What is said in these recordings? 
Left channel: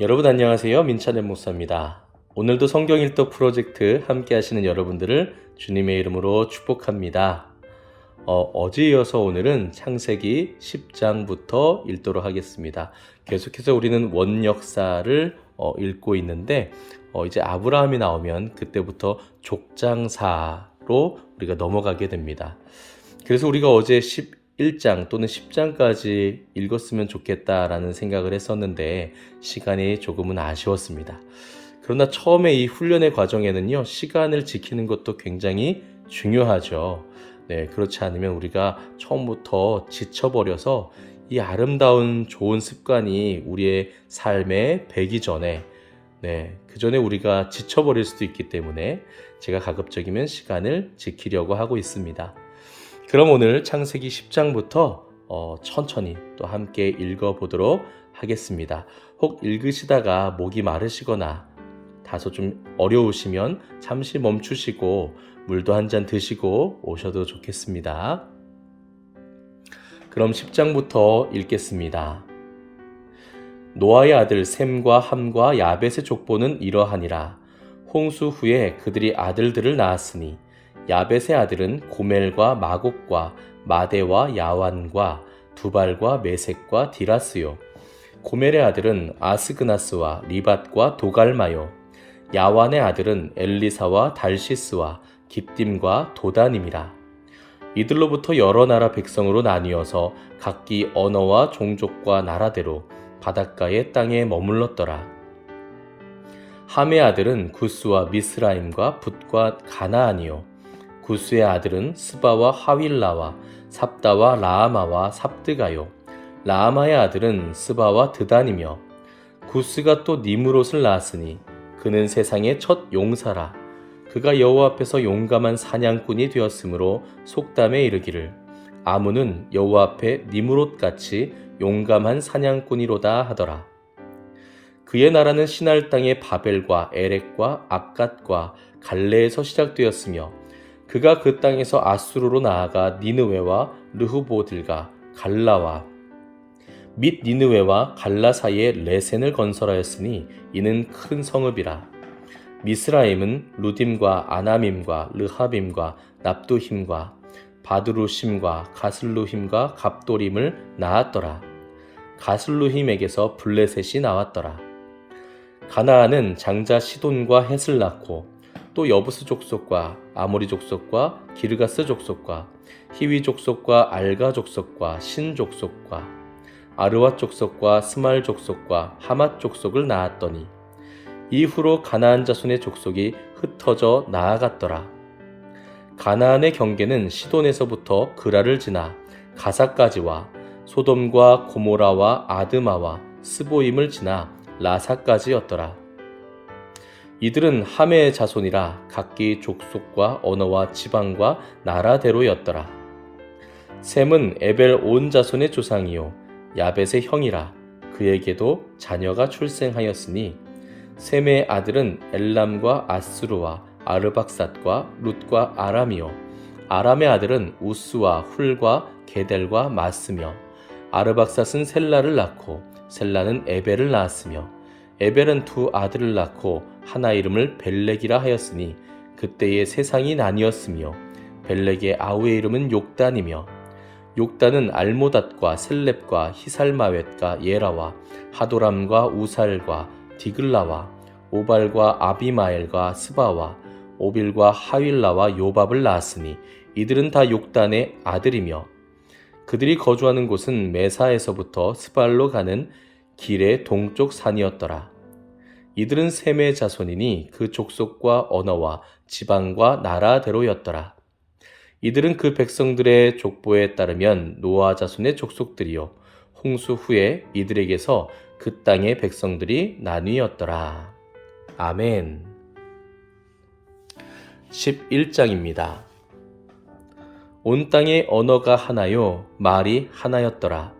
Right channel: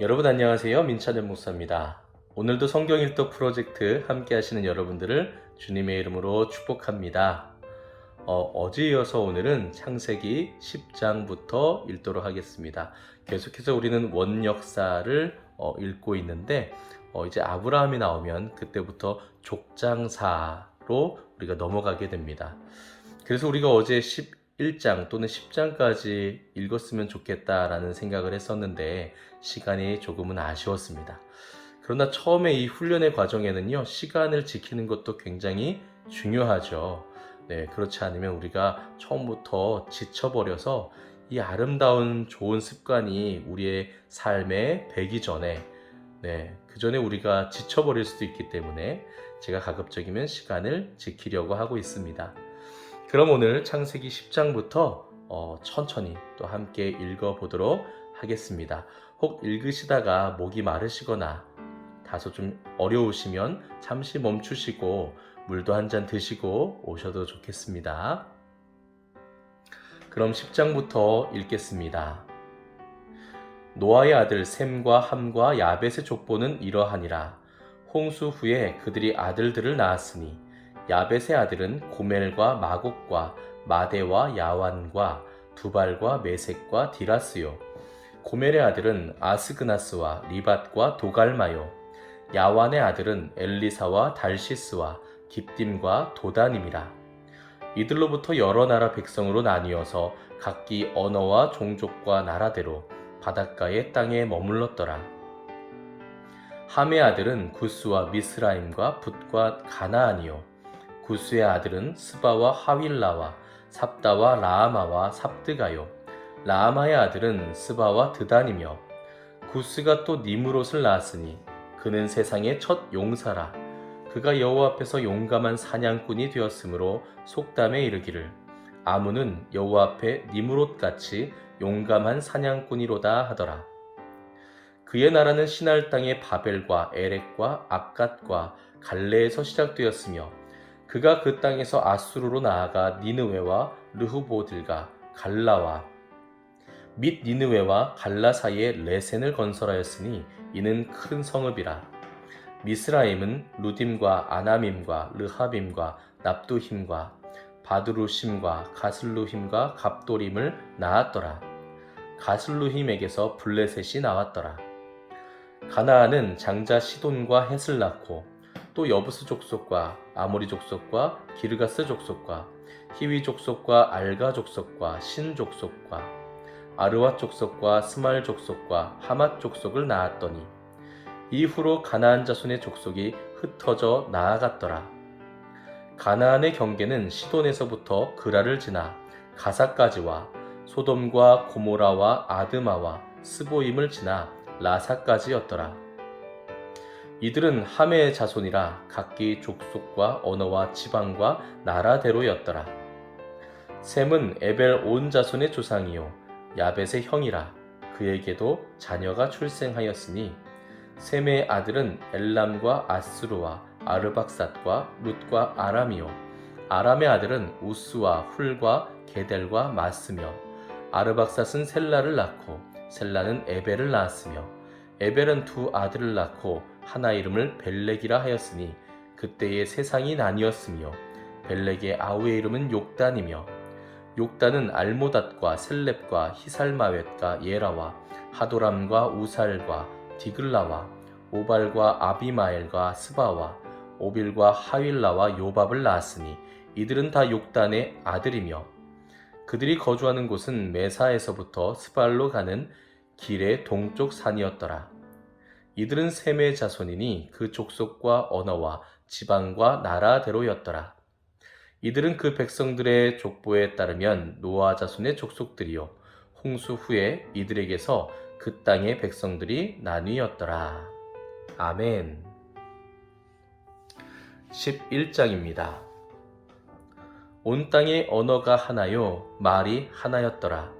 여러분 안녕하세요. 민찬의 목사입니다. 오늘도 성경 일독 프로젝트 함께 하시는 여러분들을 주님의 이름으로 축복합니다. 어, 제 이어서 오늘은 창세기 10장부터 읽도록 하겠습니다. 계속해서 우리는 원역사를 어, 읽고 있는데 어, 이제 아브라함이 나오면 그때부터 족장사로 우리가 넘어가게 됩니다. 그래서 우리가 어제 11장 또는 10장까지 읽었으면 좋겠다라는 생각을 했었는데 시간이 조금은 아쉬웠습니다. 그러나 처음에 이 훈련의 과정에는요, 시간을 지키는 것도 굉장히 중요하죠. 네, 그렇지 않으면 우리가 처음부터 지쳐버려서 이 아름다운 좋은 습관이 우리의 삶에 배기 전에 네, 그 전에 우리가 지쳐버릴 수도 있기 때문에 제가 가급적이면 시간을 지키려고 하고 있습니다. 그럼 오늘 창세기 10장부터 어, 천천히 또 함께 읽어보도록 하겠습니다. 혹 읽으시다가 목이 마르시거나 다소 좀 어려우시면 잠시 멈추시고 물도 한 잔 드시고 오셔도 좋겠습니다. 그럼 10장부터 읽겠습니다. 노아의 아들 셈과 함과 야벳의 족보는 이러하니라. 홍수 후에 그들이 아들들을 낳았으니 야벳의 아들은 고멜과 마곡과 마대와 야완과 두발과 메색과 디라스요. 고멜의 아들은 아스그나스와 리밧과 도갈마요. 야완의 아들은 엘리사와 달시스와 깁딤과 도다님이라. 이들로부터 여러 나라 백성으로 나뉘어서 각기 언어와 종족과 나라대로 바닷가의 땅에 머물렀더라. 함의 아들은 구스와 미스라임과 붓과 가나안이요. 구스의 아들은 스바와 하윌라와 삽다와 라아마와 삽드가요. 라아마의 아들은 스바와 드단이며 구스가 또 니무롯을 낳았으니 그는 세상의 첫 용사라. 그가 여호와 앞에서 용감한 사냥꾼이 되었으므로 속담에 이르기를 아무는 여호와 앞에 니무롯 같이 용감한 사냥꾼이로다 하더라. 그의 나라는 신할 땅의 바벨과 에렉과 아갓과 갈레에서 시작되었으며 그가 그 땅에서 아수르로 나아가 니느웨와 르후보들과 갈라와 및 니느웨와 갈라 사이에 레센을 건설하였으니 이는 큰 성읍이라. 미스라임은 루딤과 아나밈과 르하빔과 납두힘과 바드루심과 가슬루힘과 갑도림을 낳았더라. 가슬루힘에게서 블레셋이 나왔더라. 가나안은 장자 시돈과 헷을 낳고 또 여부스 족속과 아모리 족속과 기르가스 족속과 히위 족속과 알가 족속과 신 족속과 아르와 족속과 스말 족속과 하맛 족속을 낳았더니 이후로 가나안 자손의 족속이 흩어져 나아갔더라. 가나안의 경계는 시돈에서부터 그라를 지나 가사까지와 소돔과 고모라와 아드마와 스보임을 지나 라사까지였더라. 이들은 함의 자손이라 각기 족속과 언어와 지방과 나라대로였더라. 셈은 에벨 온 자손의 조상이요 야벳의 형이라 그에게도 자녀가 출생하였으니 셈의 아들은 엘람과 아스루와 아르박삿과 룻과 아람이요 아람의 아들은 우스와 훌과 게델과 마스며 아르박삿은 셀라를 낳고 셀라는 에벨을 낳았으며 에벨은 두 아들을 낳고 하나 이름을 벨렉이라 하였으니 그때의 세상이 나뉘었으며 벨렉의 아우의 이름은 욕단이며 욕단은 알모닷과 셀렙과 히살마웻과 예라와 하도람과 우살과 디글라와 오발과 아비마엘과 스바와 오빌과 하윌라와 요밥을 낳았으니 이들은 다 욕단의 아들이며 그들이 거주하는 곳은 메사에서부터 스발로 가는 길의 동쪽 산이었더라. 이들은 셈의 자손이니 그 족속과 언어와 지방과 나라대로였더라. 이들은 그 백성들의 족보에 따르면 노아 자손의 족속들이요 홍수 후에 이들에게서 그 땅의 백성들이 나뉘었더라. 아멘. 11장입니다. 온 땅의 언어가 하나요, 말이 하나였더라.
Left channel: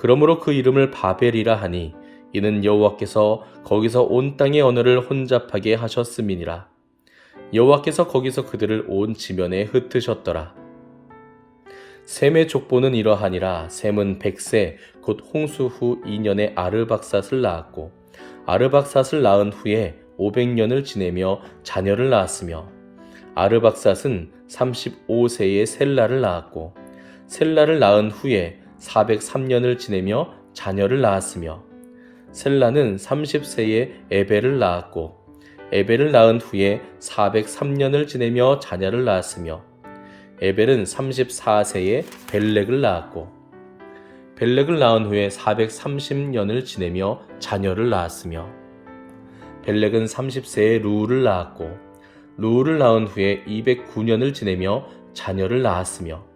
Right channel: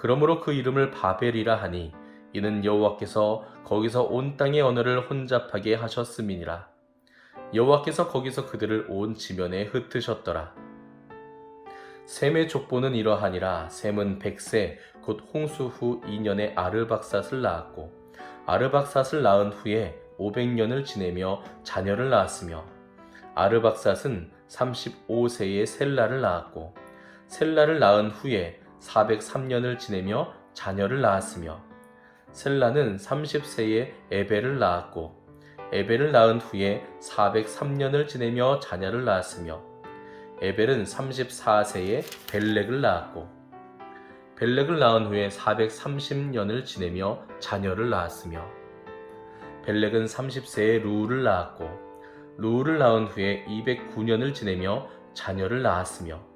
그러므로 그 이름을 바벨이라 하니 이는 여호와께서 거기서 온 땅의 언어를 혼잡하게 하셨음이니라. 여호와께서 거기서 그들을 온 지면에 흩으셨더라. 셈의 족보는 이러하니라 셈은 백세 곧 홍수 후 2년에 아르박삿을 낳았고 아르박삿을 낳은 후에 500년을 지내며 자녀를 낳았으며 아르박삿은 35세에 셀라를 낳았고 셀라를 낳은 후에 403년을 지내며 자녀를 낳았으며 셀라는 30세에 에벨을 낳았고 에벨을 낳은 후에 403년을 지내며 자녀를 낳았으며 에벨은 34세에 벨렉을 낳았고 벨렉을 낳은 후에 430년을 지내며 자녀를 낳았으며 벨렉은 30세에 루를 낳았고 루를 낳은 후에 209년을 지내며 자녀를 낳았으며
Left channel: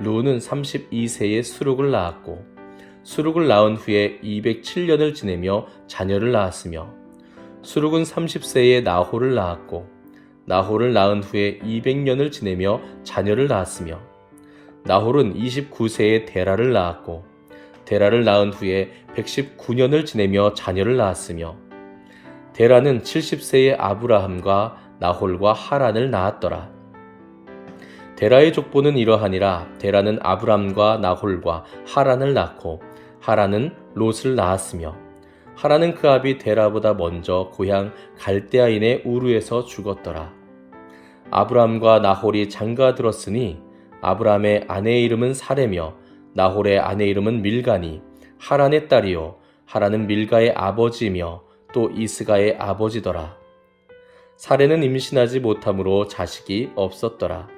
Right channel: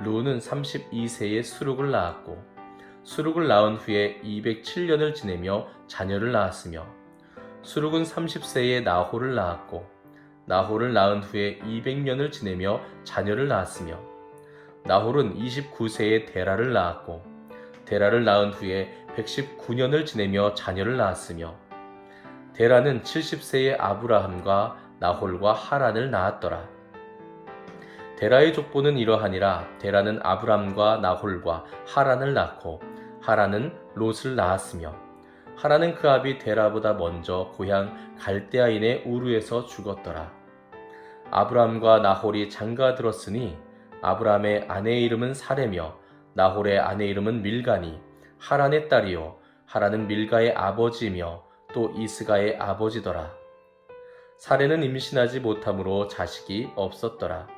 루는 32세에 수룩을 낳았고 수룩을 낳은 후에 207년을 지내며 자녀를 낳았으며 수룩은 30세에 나홀을 낳았고 나홀을 낳은 후에 200년을 지내며 자녀를 낳았으며 나홀은 29세에 데라를 낳았고 데라를 낳은 후에 119년을 지내며 자녀를 낳았으며 데라는 70세에 아브라함과 나홀과 하란을 낳았더라. 데라의 족보는 이러하니라 데라는 아브람과 나홀과 하란을 낳고 하란은 롯을 낳았으며 하란은 그 아비 데라보다 먼저 고향 갈대아인의 우르에서 죽었더라. 아브람과 나홀이 장가 들었으니 아브람의 아내의 이름은 사레며 나홀의 아내 이름은 밀가니 하란의 딸이요 하란은 밀가의 아버지이며 또 이스가의 아버지더라. 사레는 임신하지 못함으로 자식이 없었더라.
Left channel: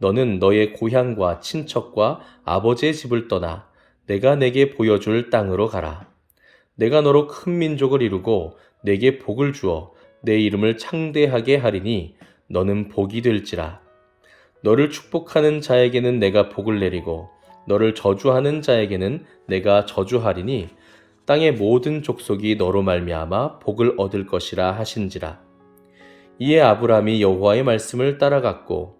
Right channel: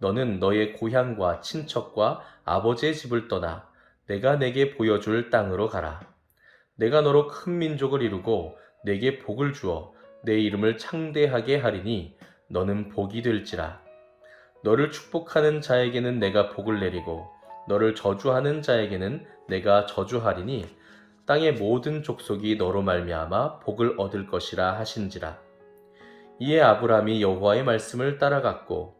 너는 너의 고향과 친척과 아버지의 집을 떠나 내가 내게 보여줄 땅으로 가라. 내가 너로 큰 민족을 이루고 내게 복을 주어 내 이름을 창대하게 하리니 너는 복이 될지라. 너를 축복하는 자에게는 내가 복을 내리고 너를 저주하는 자에게는 내가 저주하리니 땅의 모든 족속이 너로 말미암아 복을 얻을 것이라 하신지라. 이에 아브람이 여호와의 말씀을 따라갔고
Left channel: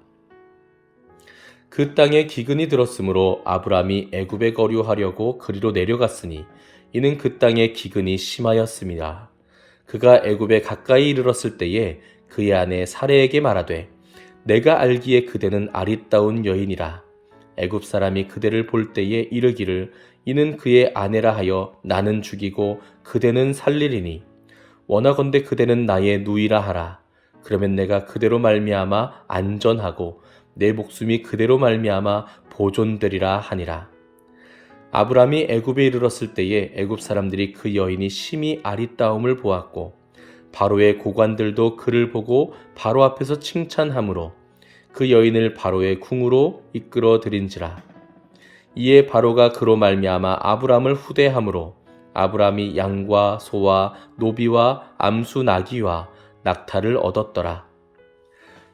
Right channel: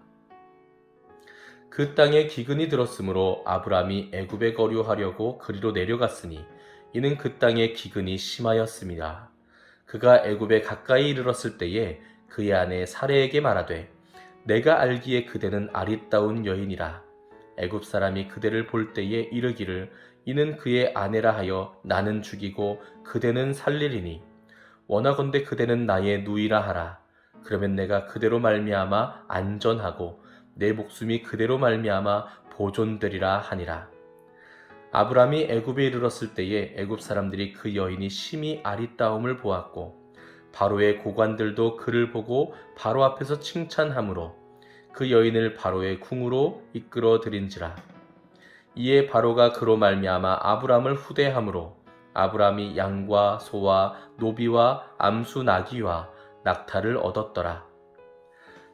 그 땅에 기근이 들었으므로 아브람이 애굽에 거류하려고 그리로 내려갔으니 이는 그 땅에 기근이 심하였습니다. 그가 애굽에 가까이 이르렀을 때에 그의 아내 사레에게 말하되 내가 알기에 그대는 아리따운 여인이라. 애굽 사람이 그대를 볼 때에 이르기를 이는 그의 아내라 하여 나는 죽이고 그대는 살리리니. 원하건대 그대는 나의 누이라 하라. 그러면 내가 그대로 말미암아 안전하고 내 목숨이 그대로 말미암아 보존되리라 하니라. 아브람이 애굽에 이르렀을 때에 애굽 사람들이 그 여인이 심히 아리따움을 보았고 바로의 고관들도 그를 보고 바로 앞에서 칭찬하므로 그 여인을 바로의 궁으로 이끌어 들인지라. 이에 바로가 그로 말미암아 아브람을 후대함으로 아브람이 양과 소와 노비와 암수 나귀와 낙타를 얻었더라.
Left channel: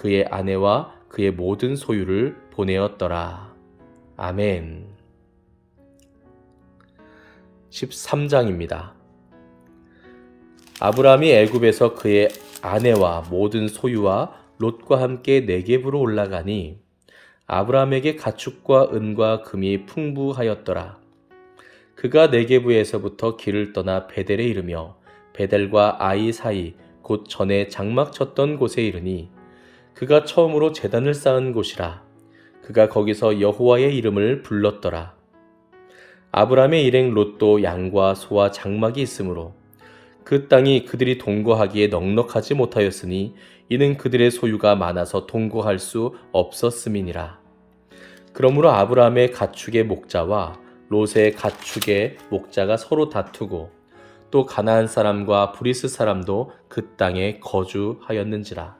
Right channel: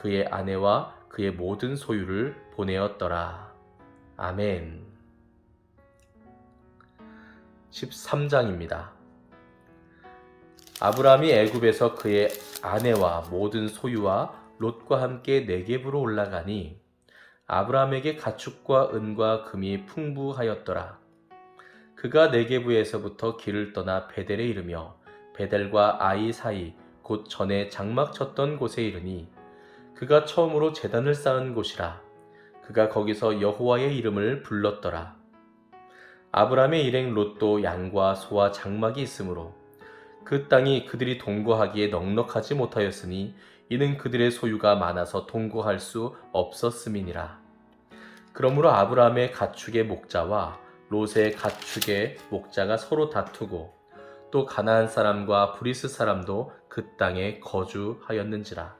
그의 아내와 그의 모든 소유를 보내었더라. 아멘. 13장입니다. 아브라함이 애굽에서 그의 아내와 모든 소유와 롯과 함께 네겝으로 올라가니 아브라함에게 가축과 은과 금이 풍부하였더라. 그가 네게부에서부터 길을 떠나 베델에 이르며 베델과 아이 사이 곧 전에 장막 쳤던 곳에 이르니 그가 처음으로 제단을 쌓은 곳이라 그가 거기서 여호와의 이름을 불렀더라. 아브라함의 일행 롯도 양과 소와 장막이 있으므로 그 땅이 그들이 동거하기에 넉넉하지 못하였으니 이는 그들의 소유가 많아서 동거할 수 없었음이니라. 그러므로 아브라함의 가축의 목자와 롯의 가축의 목자가 서로 다투고 또 가나안 사람과 브리스 사람도 그 땅에 거주하였는지라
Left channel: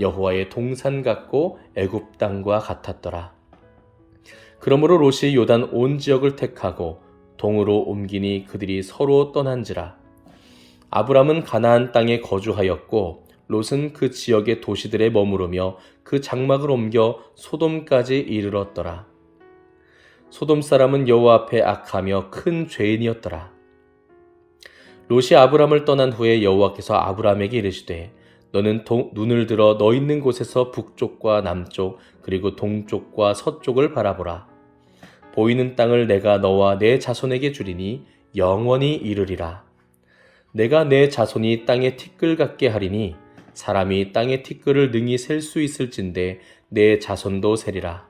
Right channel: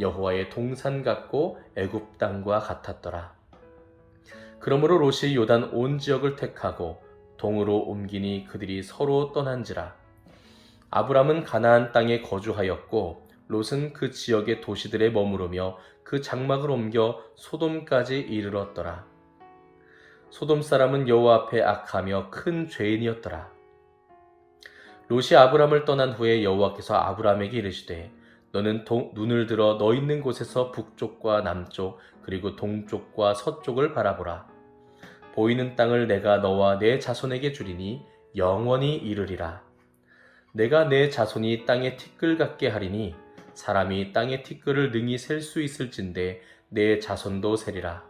여호와의 동산 같고 애굽 땅과 같았더라. 그러므로 롯이 요단 온 지역을 택하고 동으로 옮기니 그들이 서로 떠난지라. 아브람은 가나안 땅에 거주하였고 롯은 그 지역의 도시들에 머무르며 그 장막을 옮겨 소돔까지 이르렀더라. 소돔 사람은 여호와 앞에 악하며 큰 죄인이었더라. 롯이 아브람을 떠난 후에 여호와께서 아브람에게 이르시되 너는 동, 눈을 들어 너 있는 곳에서 북쪽과 남쪽 그리고 동쪽과 서쪽을 바라보라. 보이는 땅을 내가 너와 내 자손에게 주리니 영원히 이르리라. 내가 내 자손이 땅에 티끌 같게 하리니 사람이 땅의 티끌을 능히 셀 수 있을진데 내 자손도 세리라.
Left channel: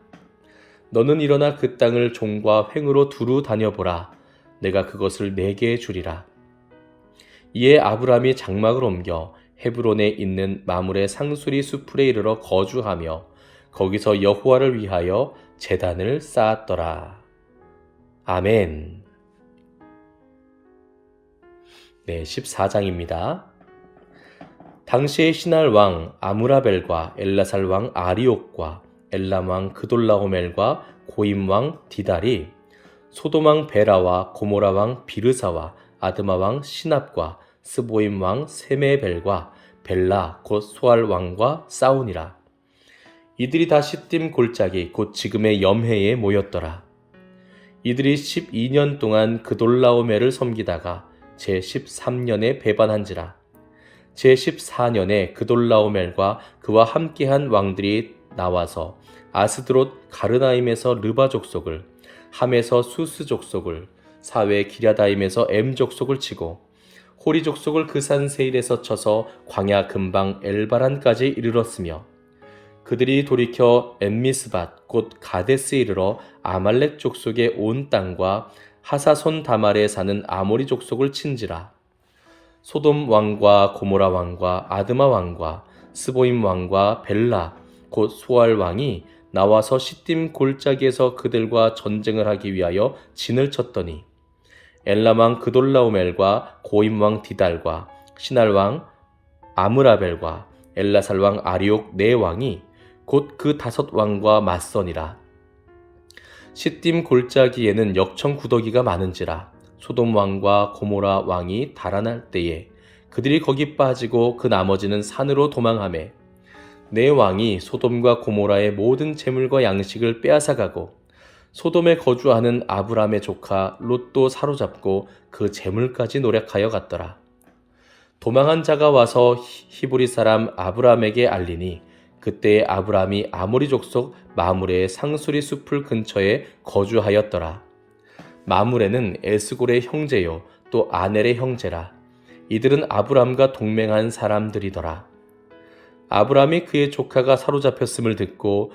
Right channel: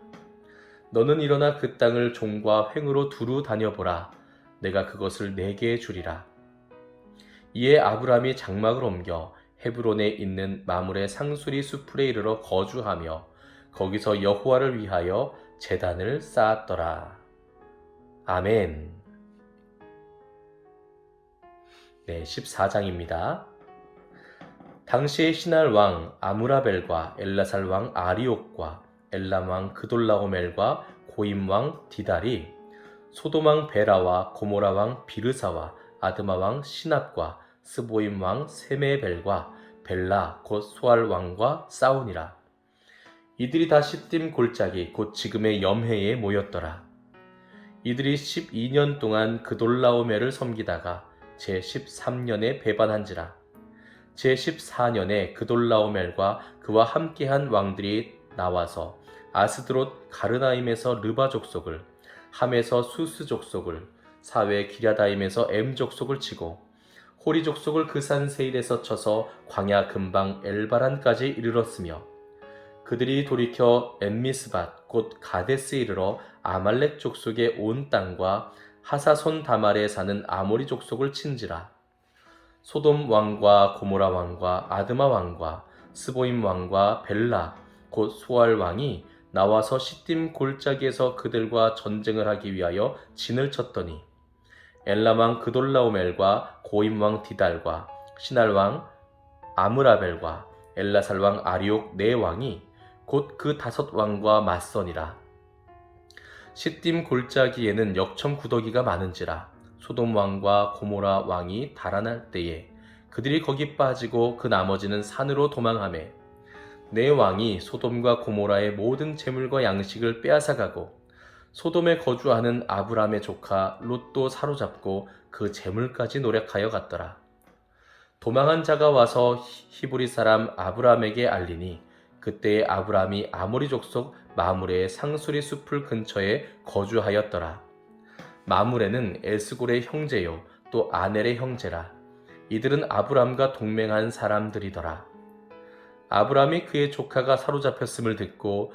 너는 일어나 그 땅을 종과 횡으로 두루 다녀보라. 내가 그것을 내게 주리라. 이에 아브람이 장막을 옮겨 헤브론에 있는 마물의 상수리 수풀에 이르러 거주하며 거기서 여호와를 위하여 제단을 쌓았더라. 아멘. 네, 14장입니다. 당시의 신할 왕 아무라벨과 엘라살 왕 아리옥과 엘람 왕 그돌라오멜과 고임 왕 디달이 소돔 왕 베라와 고모라 왕 비르사와 아드마 왕 시납과 스보임 왕 세메벨과 벨라 곧 소알 왕과 싸우니라. 이들이 다 십딤 골짜기 곧 지금의 염해에 모였더라. 이들이 12년 동안 그돌라오멜을 섬기다가 제 13년에 배반한지라. 제 14년에 그돌라오멜과 그와 함께한 왕들이 나와서 아스드롯 가르나임에서 르바 족속을 함에서 수스 족속을 사회 기랴다임에서 엠 족속을 치고 호리 족속을 그 산 세일에서 쳐서 광야 근방 엘바란까지 이르렀으며 그들이 돌이켜 엠미스밭 곧 가데스 이르러 아말렉 족속의 온 땅과 하사손 다말에 사는 아모리 족속을 친지라. 소돔 왕과 고모라 왕과 아드마 왕과 스보임 왕과 벨라 곧 소알 왕이 나와서 시딤 골짜기에서 그들과 전쟁을 하기 위하여 진을 쳤더니 엘라왕 그돌라오멜과 고임왕 디달과 신할왕 아므라벨과 엘라살왕 아리옥 네 왕이 곧 그 다섯 왕과 맞서니라. 시딤 골짜기에는 역청 구더기가 많은지라 소돔 왕과 고모라 왕이 달아날 때에 그들이 거기 빠지고 그 나머지는 산으로 도망하매 내 왕이 소돔과 고모라의 모든 재물과 양식을 빼앗아가고 소돔에 거주하는 아브람의 조카 롯도 사로잡고 그 재물까지 노력하여 갔더라. 도망한 자가 와서 히브리 사람 아브람에게 알리니 그때 아브람이 아모리 족속 마물의 상수리 숲을 근처에 거주하였더라. 마물에는 에스골의 형제요 또 아넬의 형제라. 이들은 아브람과 동맹한 사람들이더라. 아브람이 그의 조카가 사로잡혔음을 듣고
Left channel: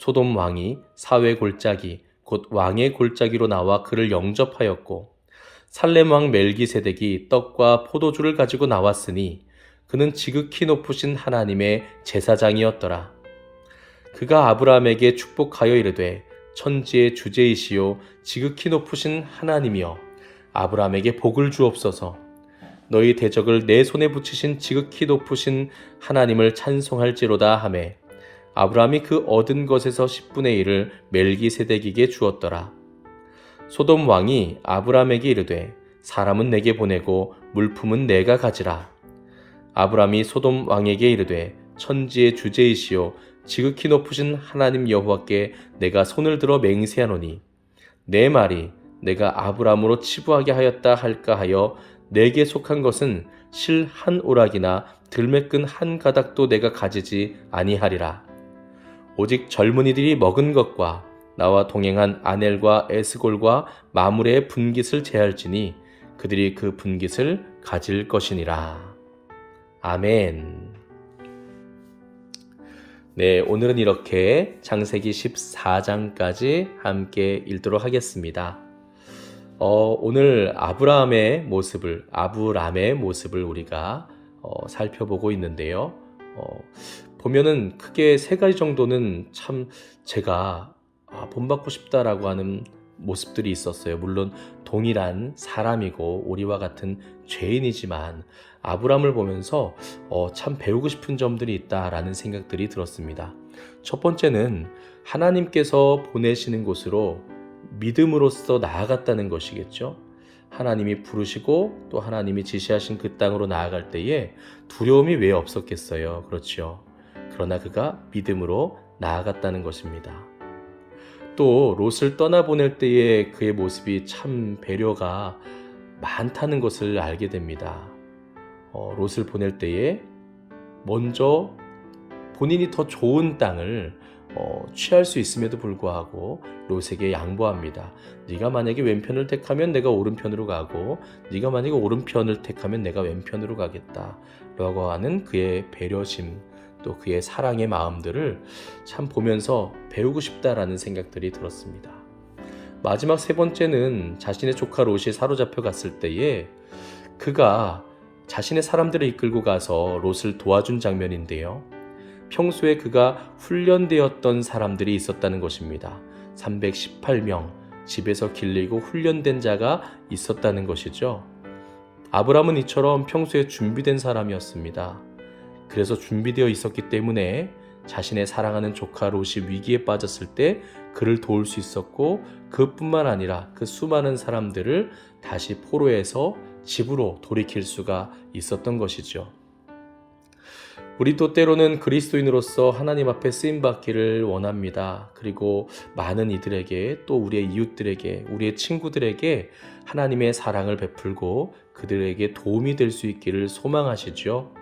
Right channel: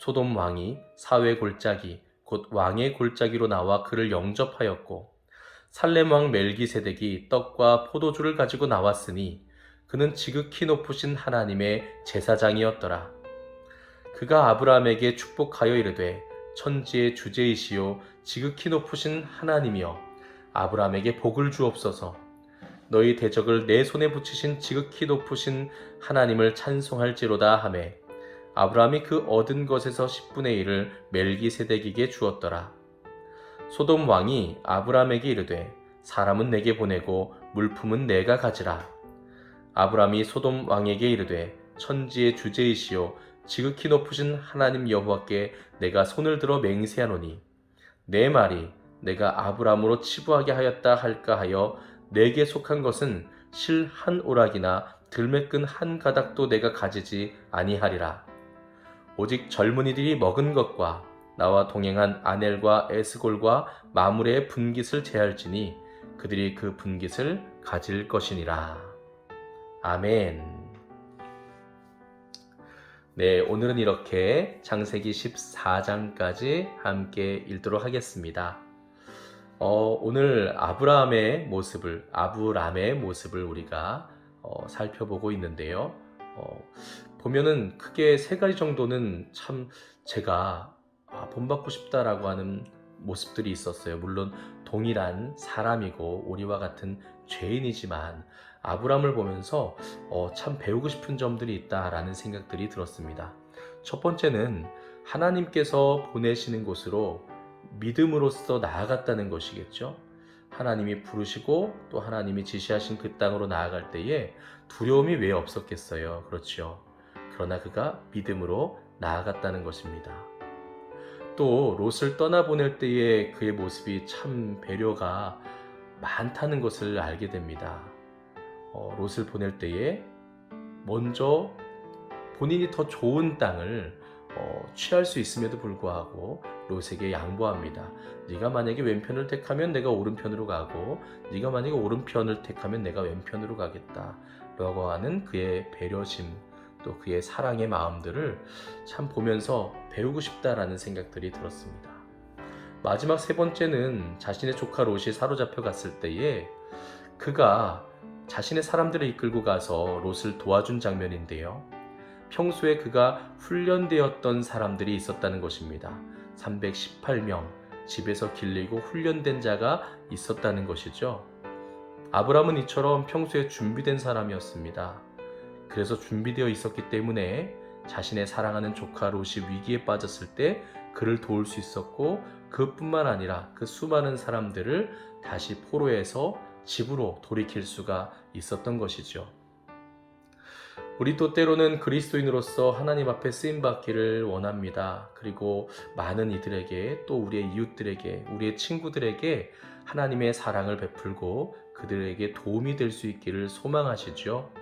소돔 왕이 사회 골짜기 곧 왕의 골짜기로 나와 그를 영접하였고 살렘 왕 멜기세덱이 떡과 포도주를 가지고 나왔으니 그는 지극히 높으신 하나님의 제사장이었더라. 그가 아브라함에게 축복하여 이르되 천지의 주제이시요 지극히 높으신 하나님이여 아브라함에게 복을 주옵소서. 너희 대적을 내 손에 붙이신 지극히 높으신 하나님을 찬송할지로다 하매 아브라함이 그 얻은 것에서 10분의 1을 멜기세덱에게 주었더라. 소돔 왕이 아브라함에게 이르되 사람은 내게 보내고 물품은 내가 가지라. 아브라함이 소돔 왕에게 이르되 천지의 주제이시요 지극히 높으신 하나님 여호와께 내가 손을 들어 맹세하노니 내 말이 내가 아브라함으로 치부하게 하였다 할까 하여 내게 속한 것은 실 한 오락이나 들매끈 한 가닥도 내가 가지지 아니하리라. 오직 젊은이들이 먹은 것과 나와 동행한 아넬과 에스골과 마물의 분깃을 제할지니 그들이 그 분깃을 가질 것이니라. 아멘. 네, 오늘은 이렇게 장세기 14장까지 함께 읽도록 하겠습니다. 어, 오늘 아브라함의 모습을 아브람의 모습을 우리가 어, 살펴보고 있는데요. 어, 보면은 크게 세 가지 정도는 참 제가 아, 본받고 싶다라고 하는 모습들이 있었어요. 물론 동일한 사람이고 우리와 같은 죄인이지만 아브람을 보면서 어, 참 배우고 싶은 점들이 있다라는 생각들이 들었습니다. 첫 번째는 하나님께서 보내시는 곳으로 믿음으로써 나아갔다는 것이겠죠. 하나님이 부르시고 또 하나님이 지시하신 그 땅으로 나아갈 때에 두려움이 왜 없었겠어요. 그렇죠. 그러나 그가 믿음으로 나아갔다는 것입니다. 또 롯을 떠나보낼 때의 그의 모습이 참 배려가 많다는 것을 알게 됩니다. 어, 롯을 보낼 때에 먼저 본인이 더 좋은 땅을 어, 취할 수 있음에도 불구하고 롯에게 양보합니다. 네가 만약에 왼편을 택하면 내가 오른편으로 가고 네가 만약에 오른편을 택하면 내가 왼편으로 가겠다. 라고 하는 그의 배려심 또 그의 사랑의 마음들을 참 보면서 배우고 싶다라는 생각들이 들었습니다. 마지막 세 번째는 자신의 조카 롯이 사로잡혀 갔을 때에 그가 자신의 사람들을 이끌고 가서 롯을 도와준 장면인데요. 평소에 그가 훈련되었던 사람들이 있었다는 것입니다. 318명, 집에서 길리고 훈련된 자가 있었다는 것이죠. 아브람은 이처럼 평소에 준비된 사람이었습니다. 그래서 준비되어 있었기 때문에 자신의 사랑하는 조카 롯이 위기에 빠졌을 때 그를 도울 수 있었고 그뿐만 아니라 그 수많은 사람들을 다시 포로에서 집으로 돌이킬 수가 있었던 것이죠. 우리도 때로는 그리스도인으로서 하나님 앞에 쓰임 받기를 원합니다. 그리고 많은 이들에게 또 우리의 이웃들에게 우리의 친구들에게 하나님의 사랑을 베풀고 그들에게 도움이 될 수 있기를 소망하시죠.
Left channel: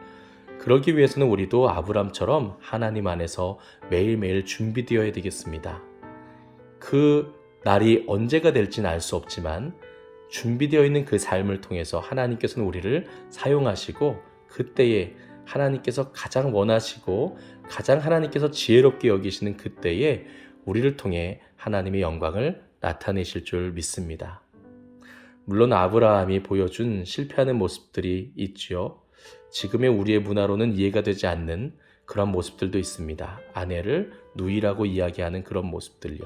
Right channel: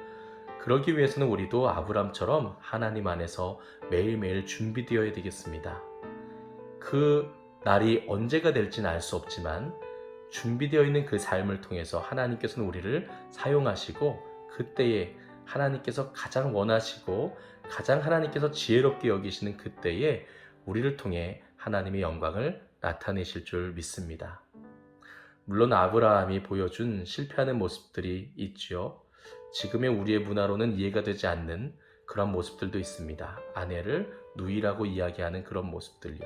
그러기 위해서는 우리도 아브람처럼 하나님 안에서 매일매일 준비되어야 되겠습니다. 그 날이 언제가 될지는 알 수 없지만 준비되어 있는 그 삶을 통해서 하나님께서는 우리를 사용하시고 그때에 하나님께서 가장 원하시고 가장 하나님께서 지혜롭게 여기시는 그때에 우리를 통해 하나님의 영광을 나타내실 줄 믿습니다. 물론 아브라함이 보여준 실패하는 모습들이 있지요. 지금의 우리의 문화로는 이해가 되지 않는 그런 모습들도 있습니다. 아내를 누이라고 이야기하는 그런 모습들요.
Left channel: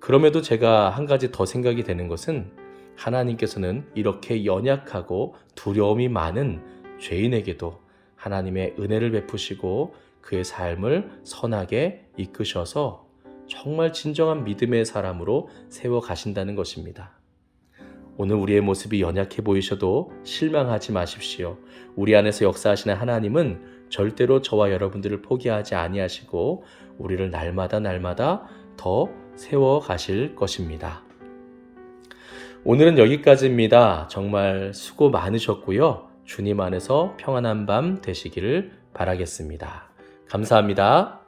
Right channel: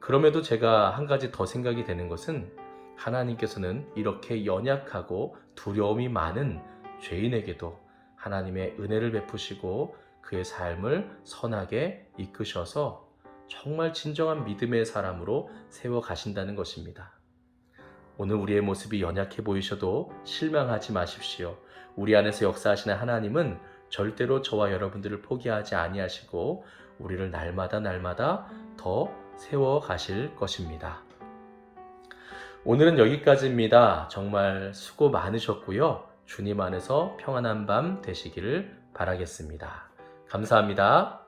그럼에도 제가 한 가지 더 생각이 되는 것은 하나님께서는 이렇게 연약하고 두려움이 많은 죄인에게도 하나님의 은혜를 베푸시고 그의 삶을 선하게 이끄셔서 정말 진정한 믿음의 사람으로 세워 가신다는 것입니다. 오늘 우리의 모습이 연약해 보이셔도 실망하지 마십시오. 우리 안에서 역사하시는 하나님은 절대로 저와 여러분들을 포기하지 아니하시고 우리를 날마다 날마다 더 세워 가실 것입니다. 오늘은 여기까지입니다. 정말 수고 많으셨고요. 주님 안에서 평안한 밤 되시기를 바라겠습니다. 감사합니다.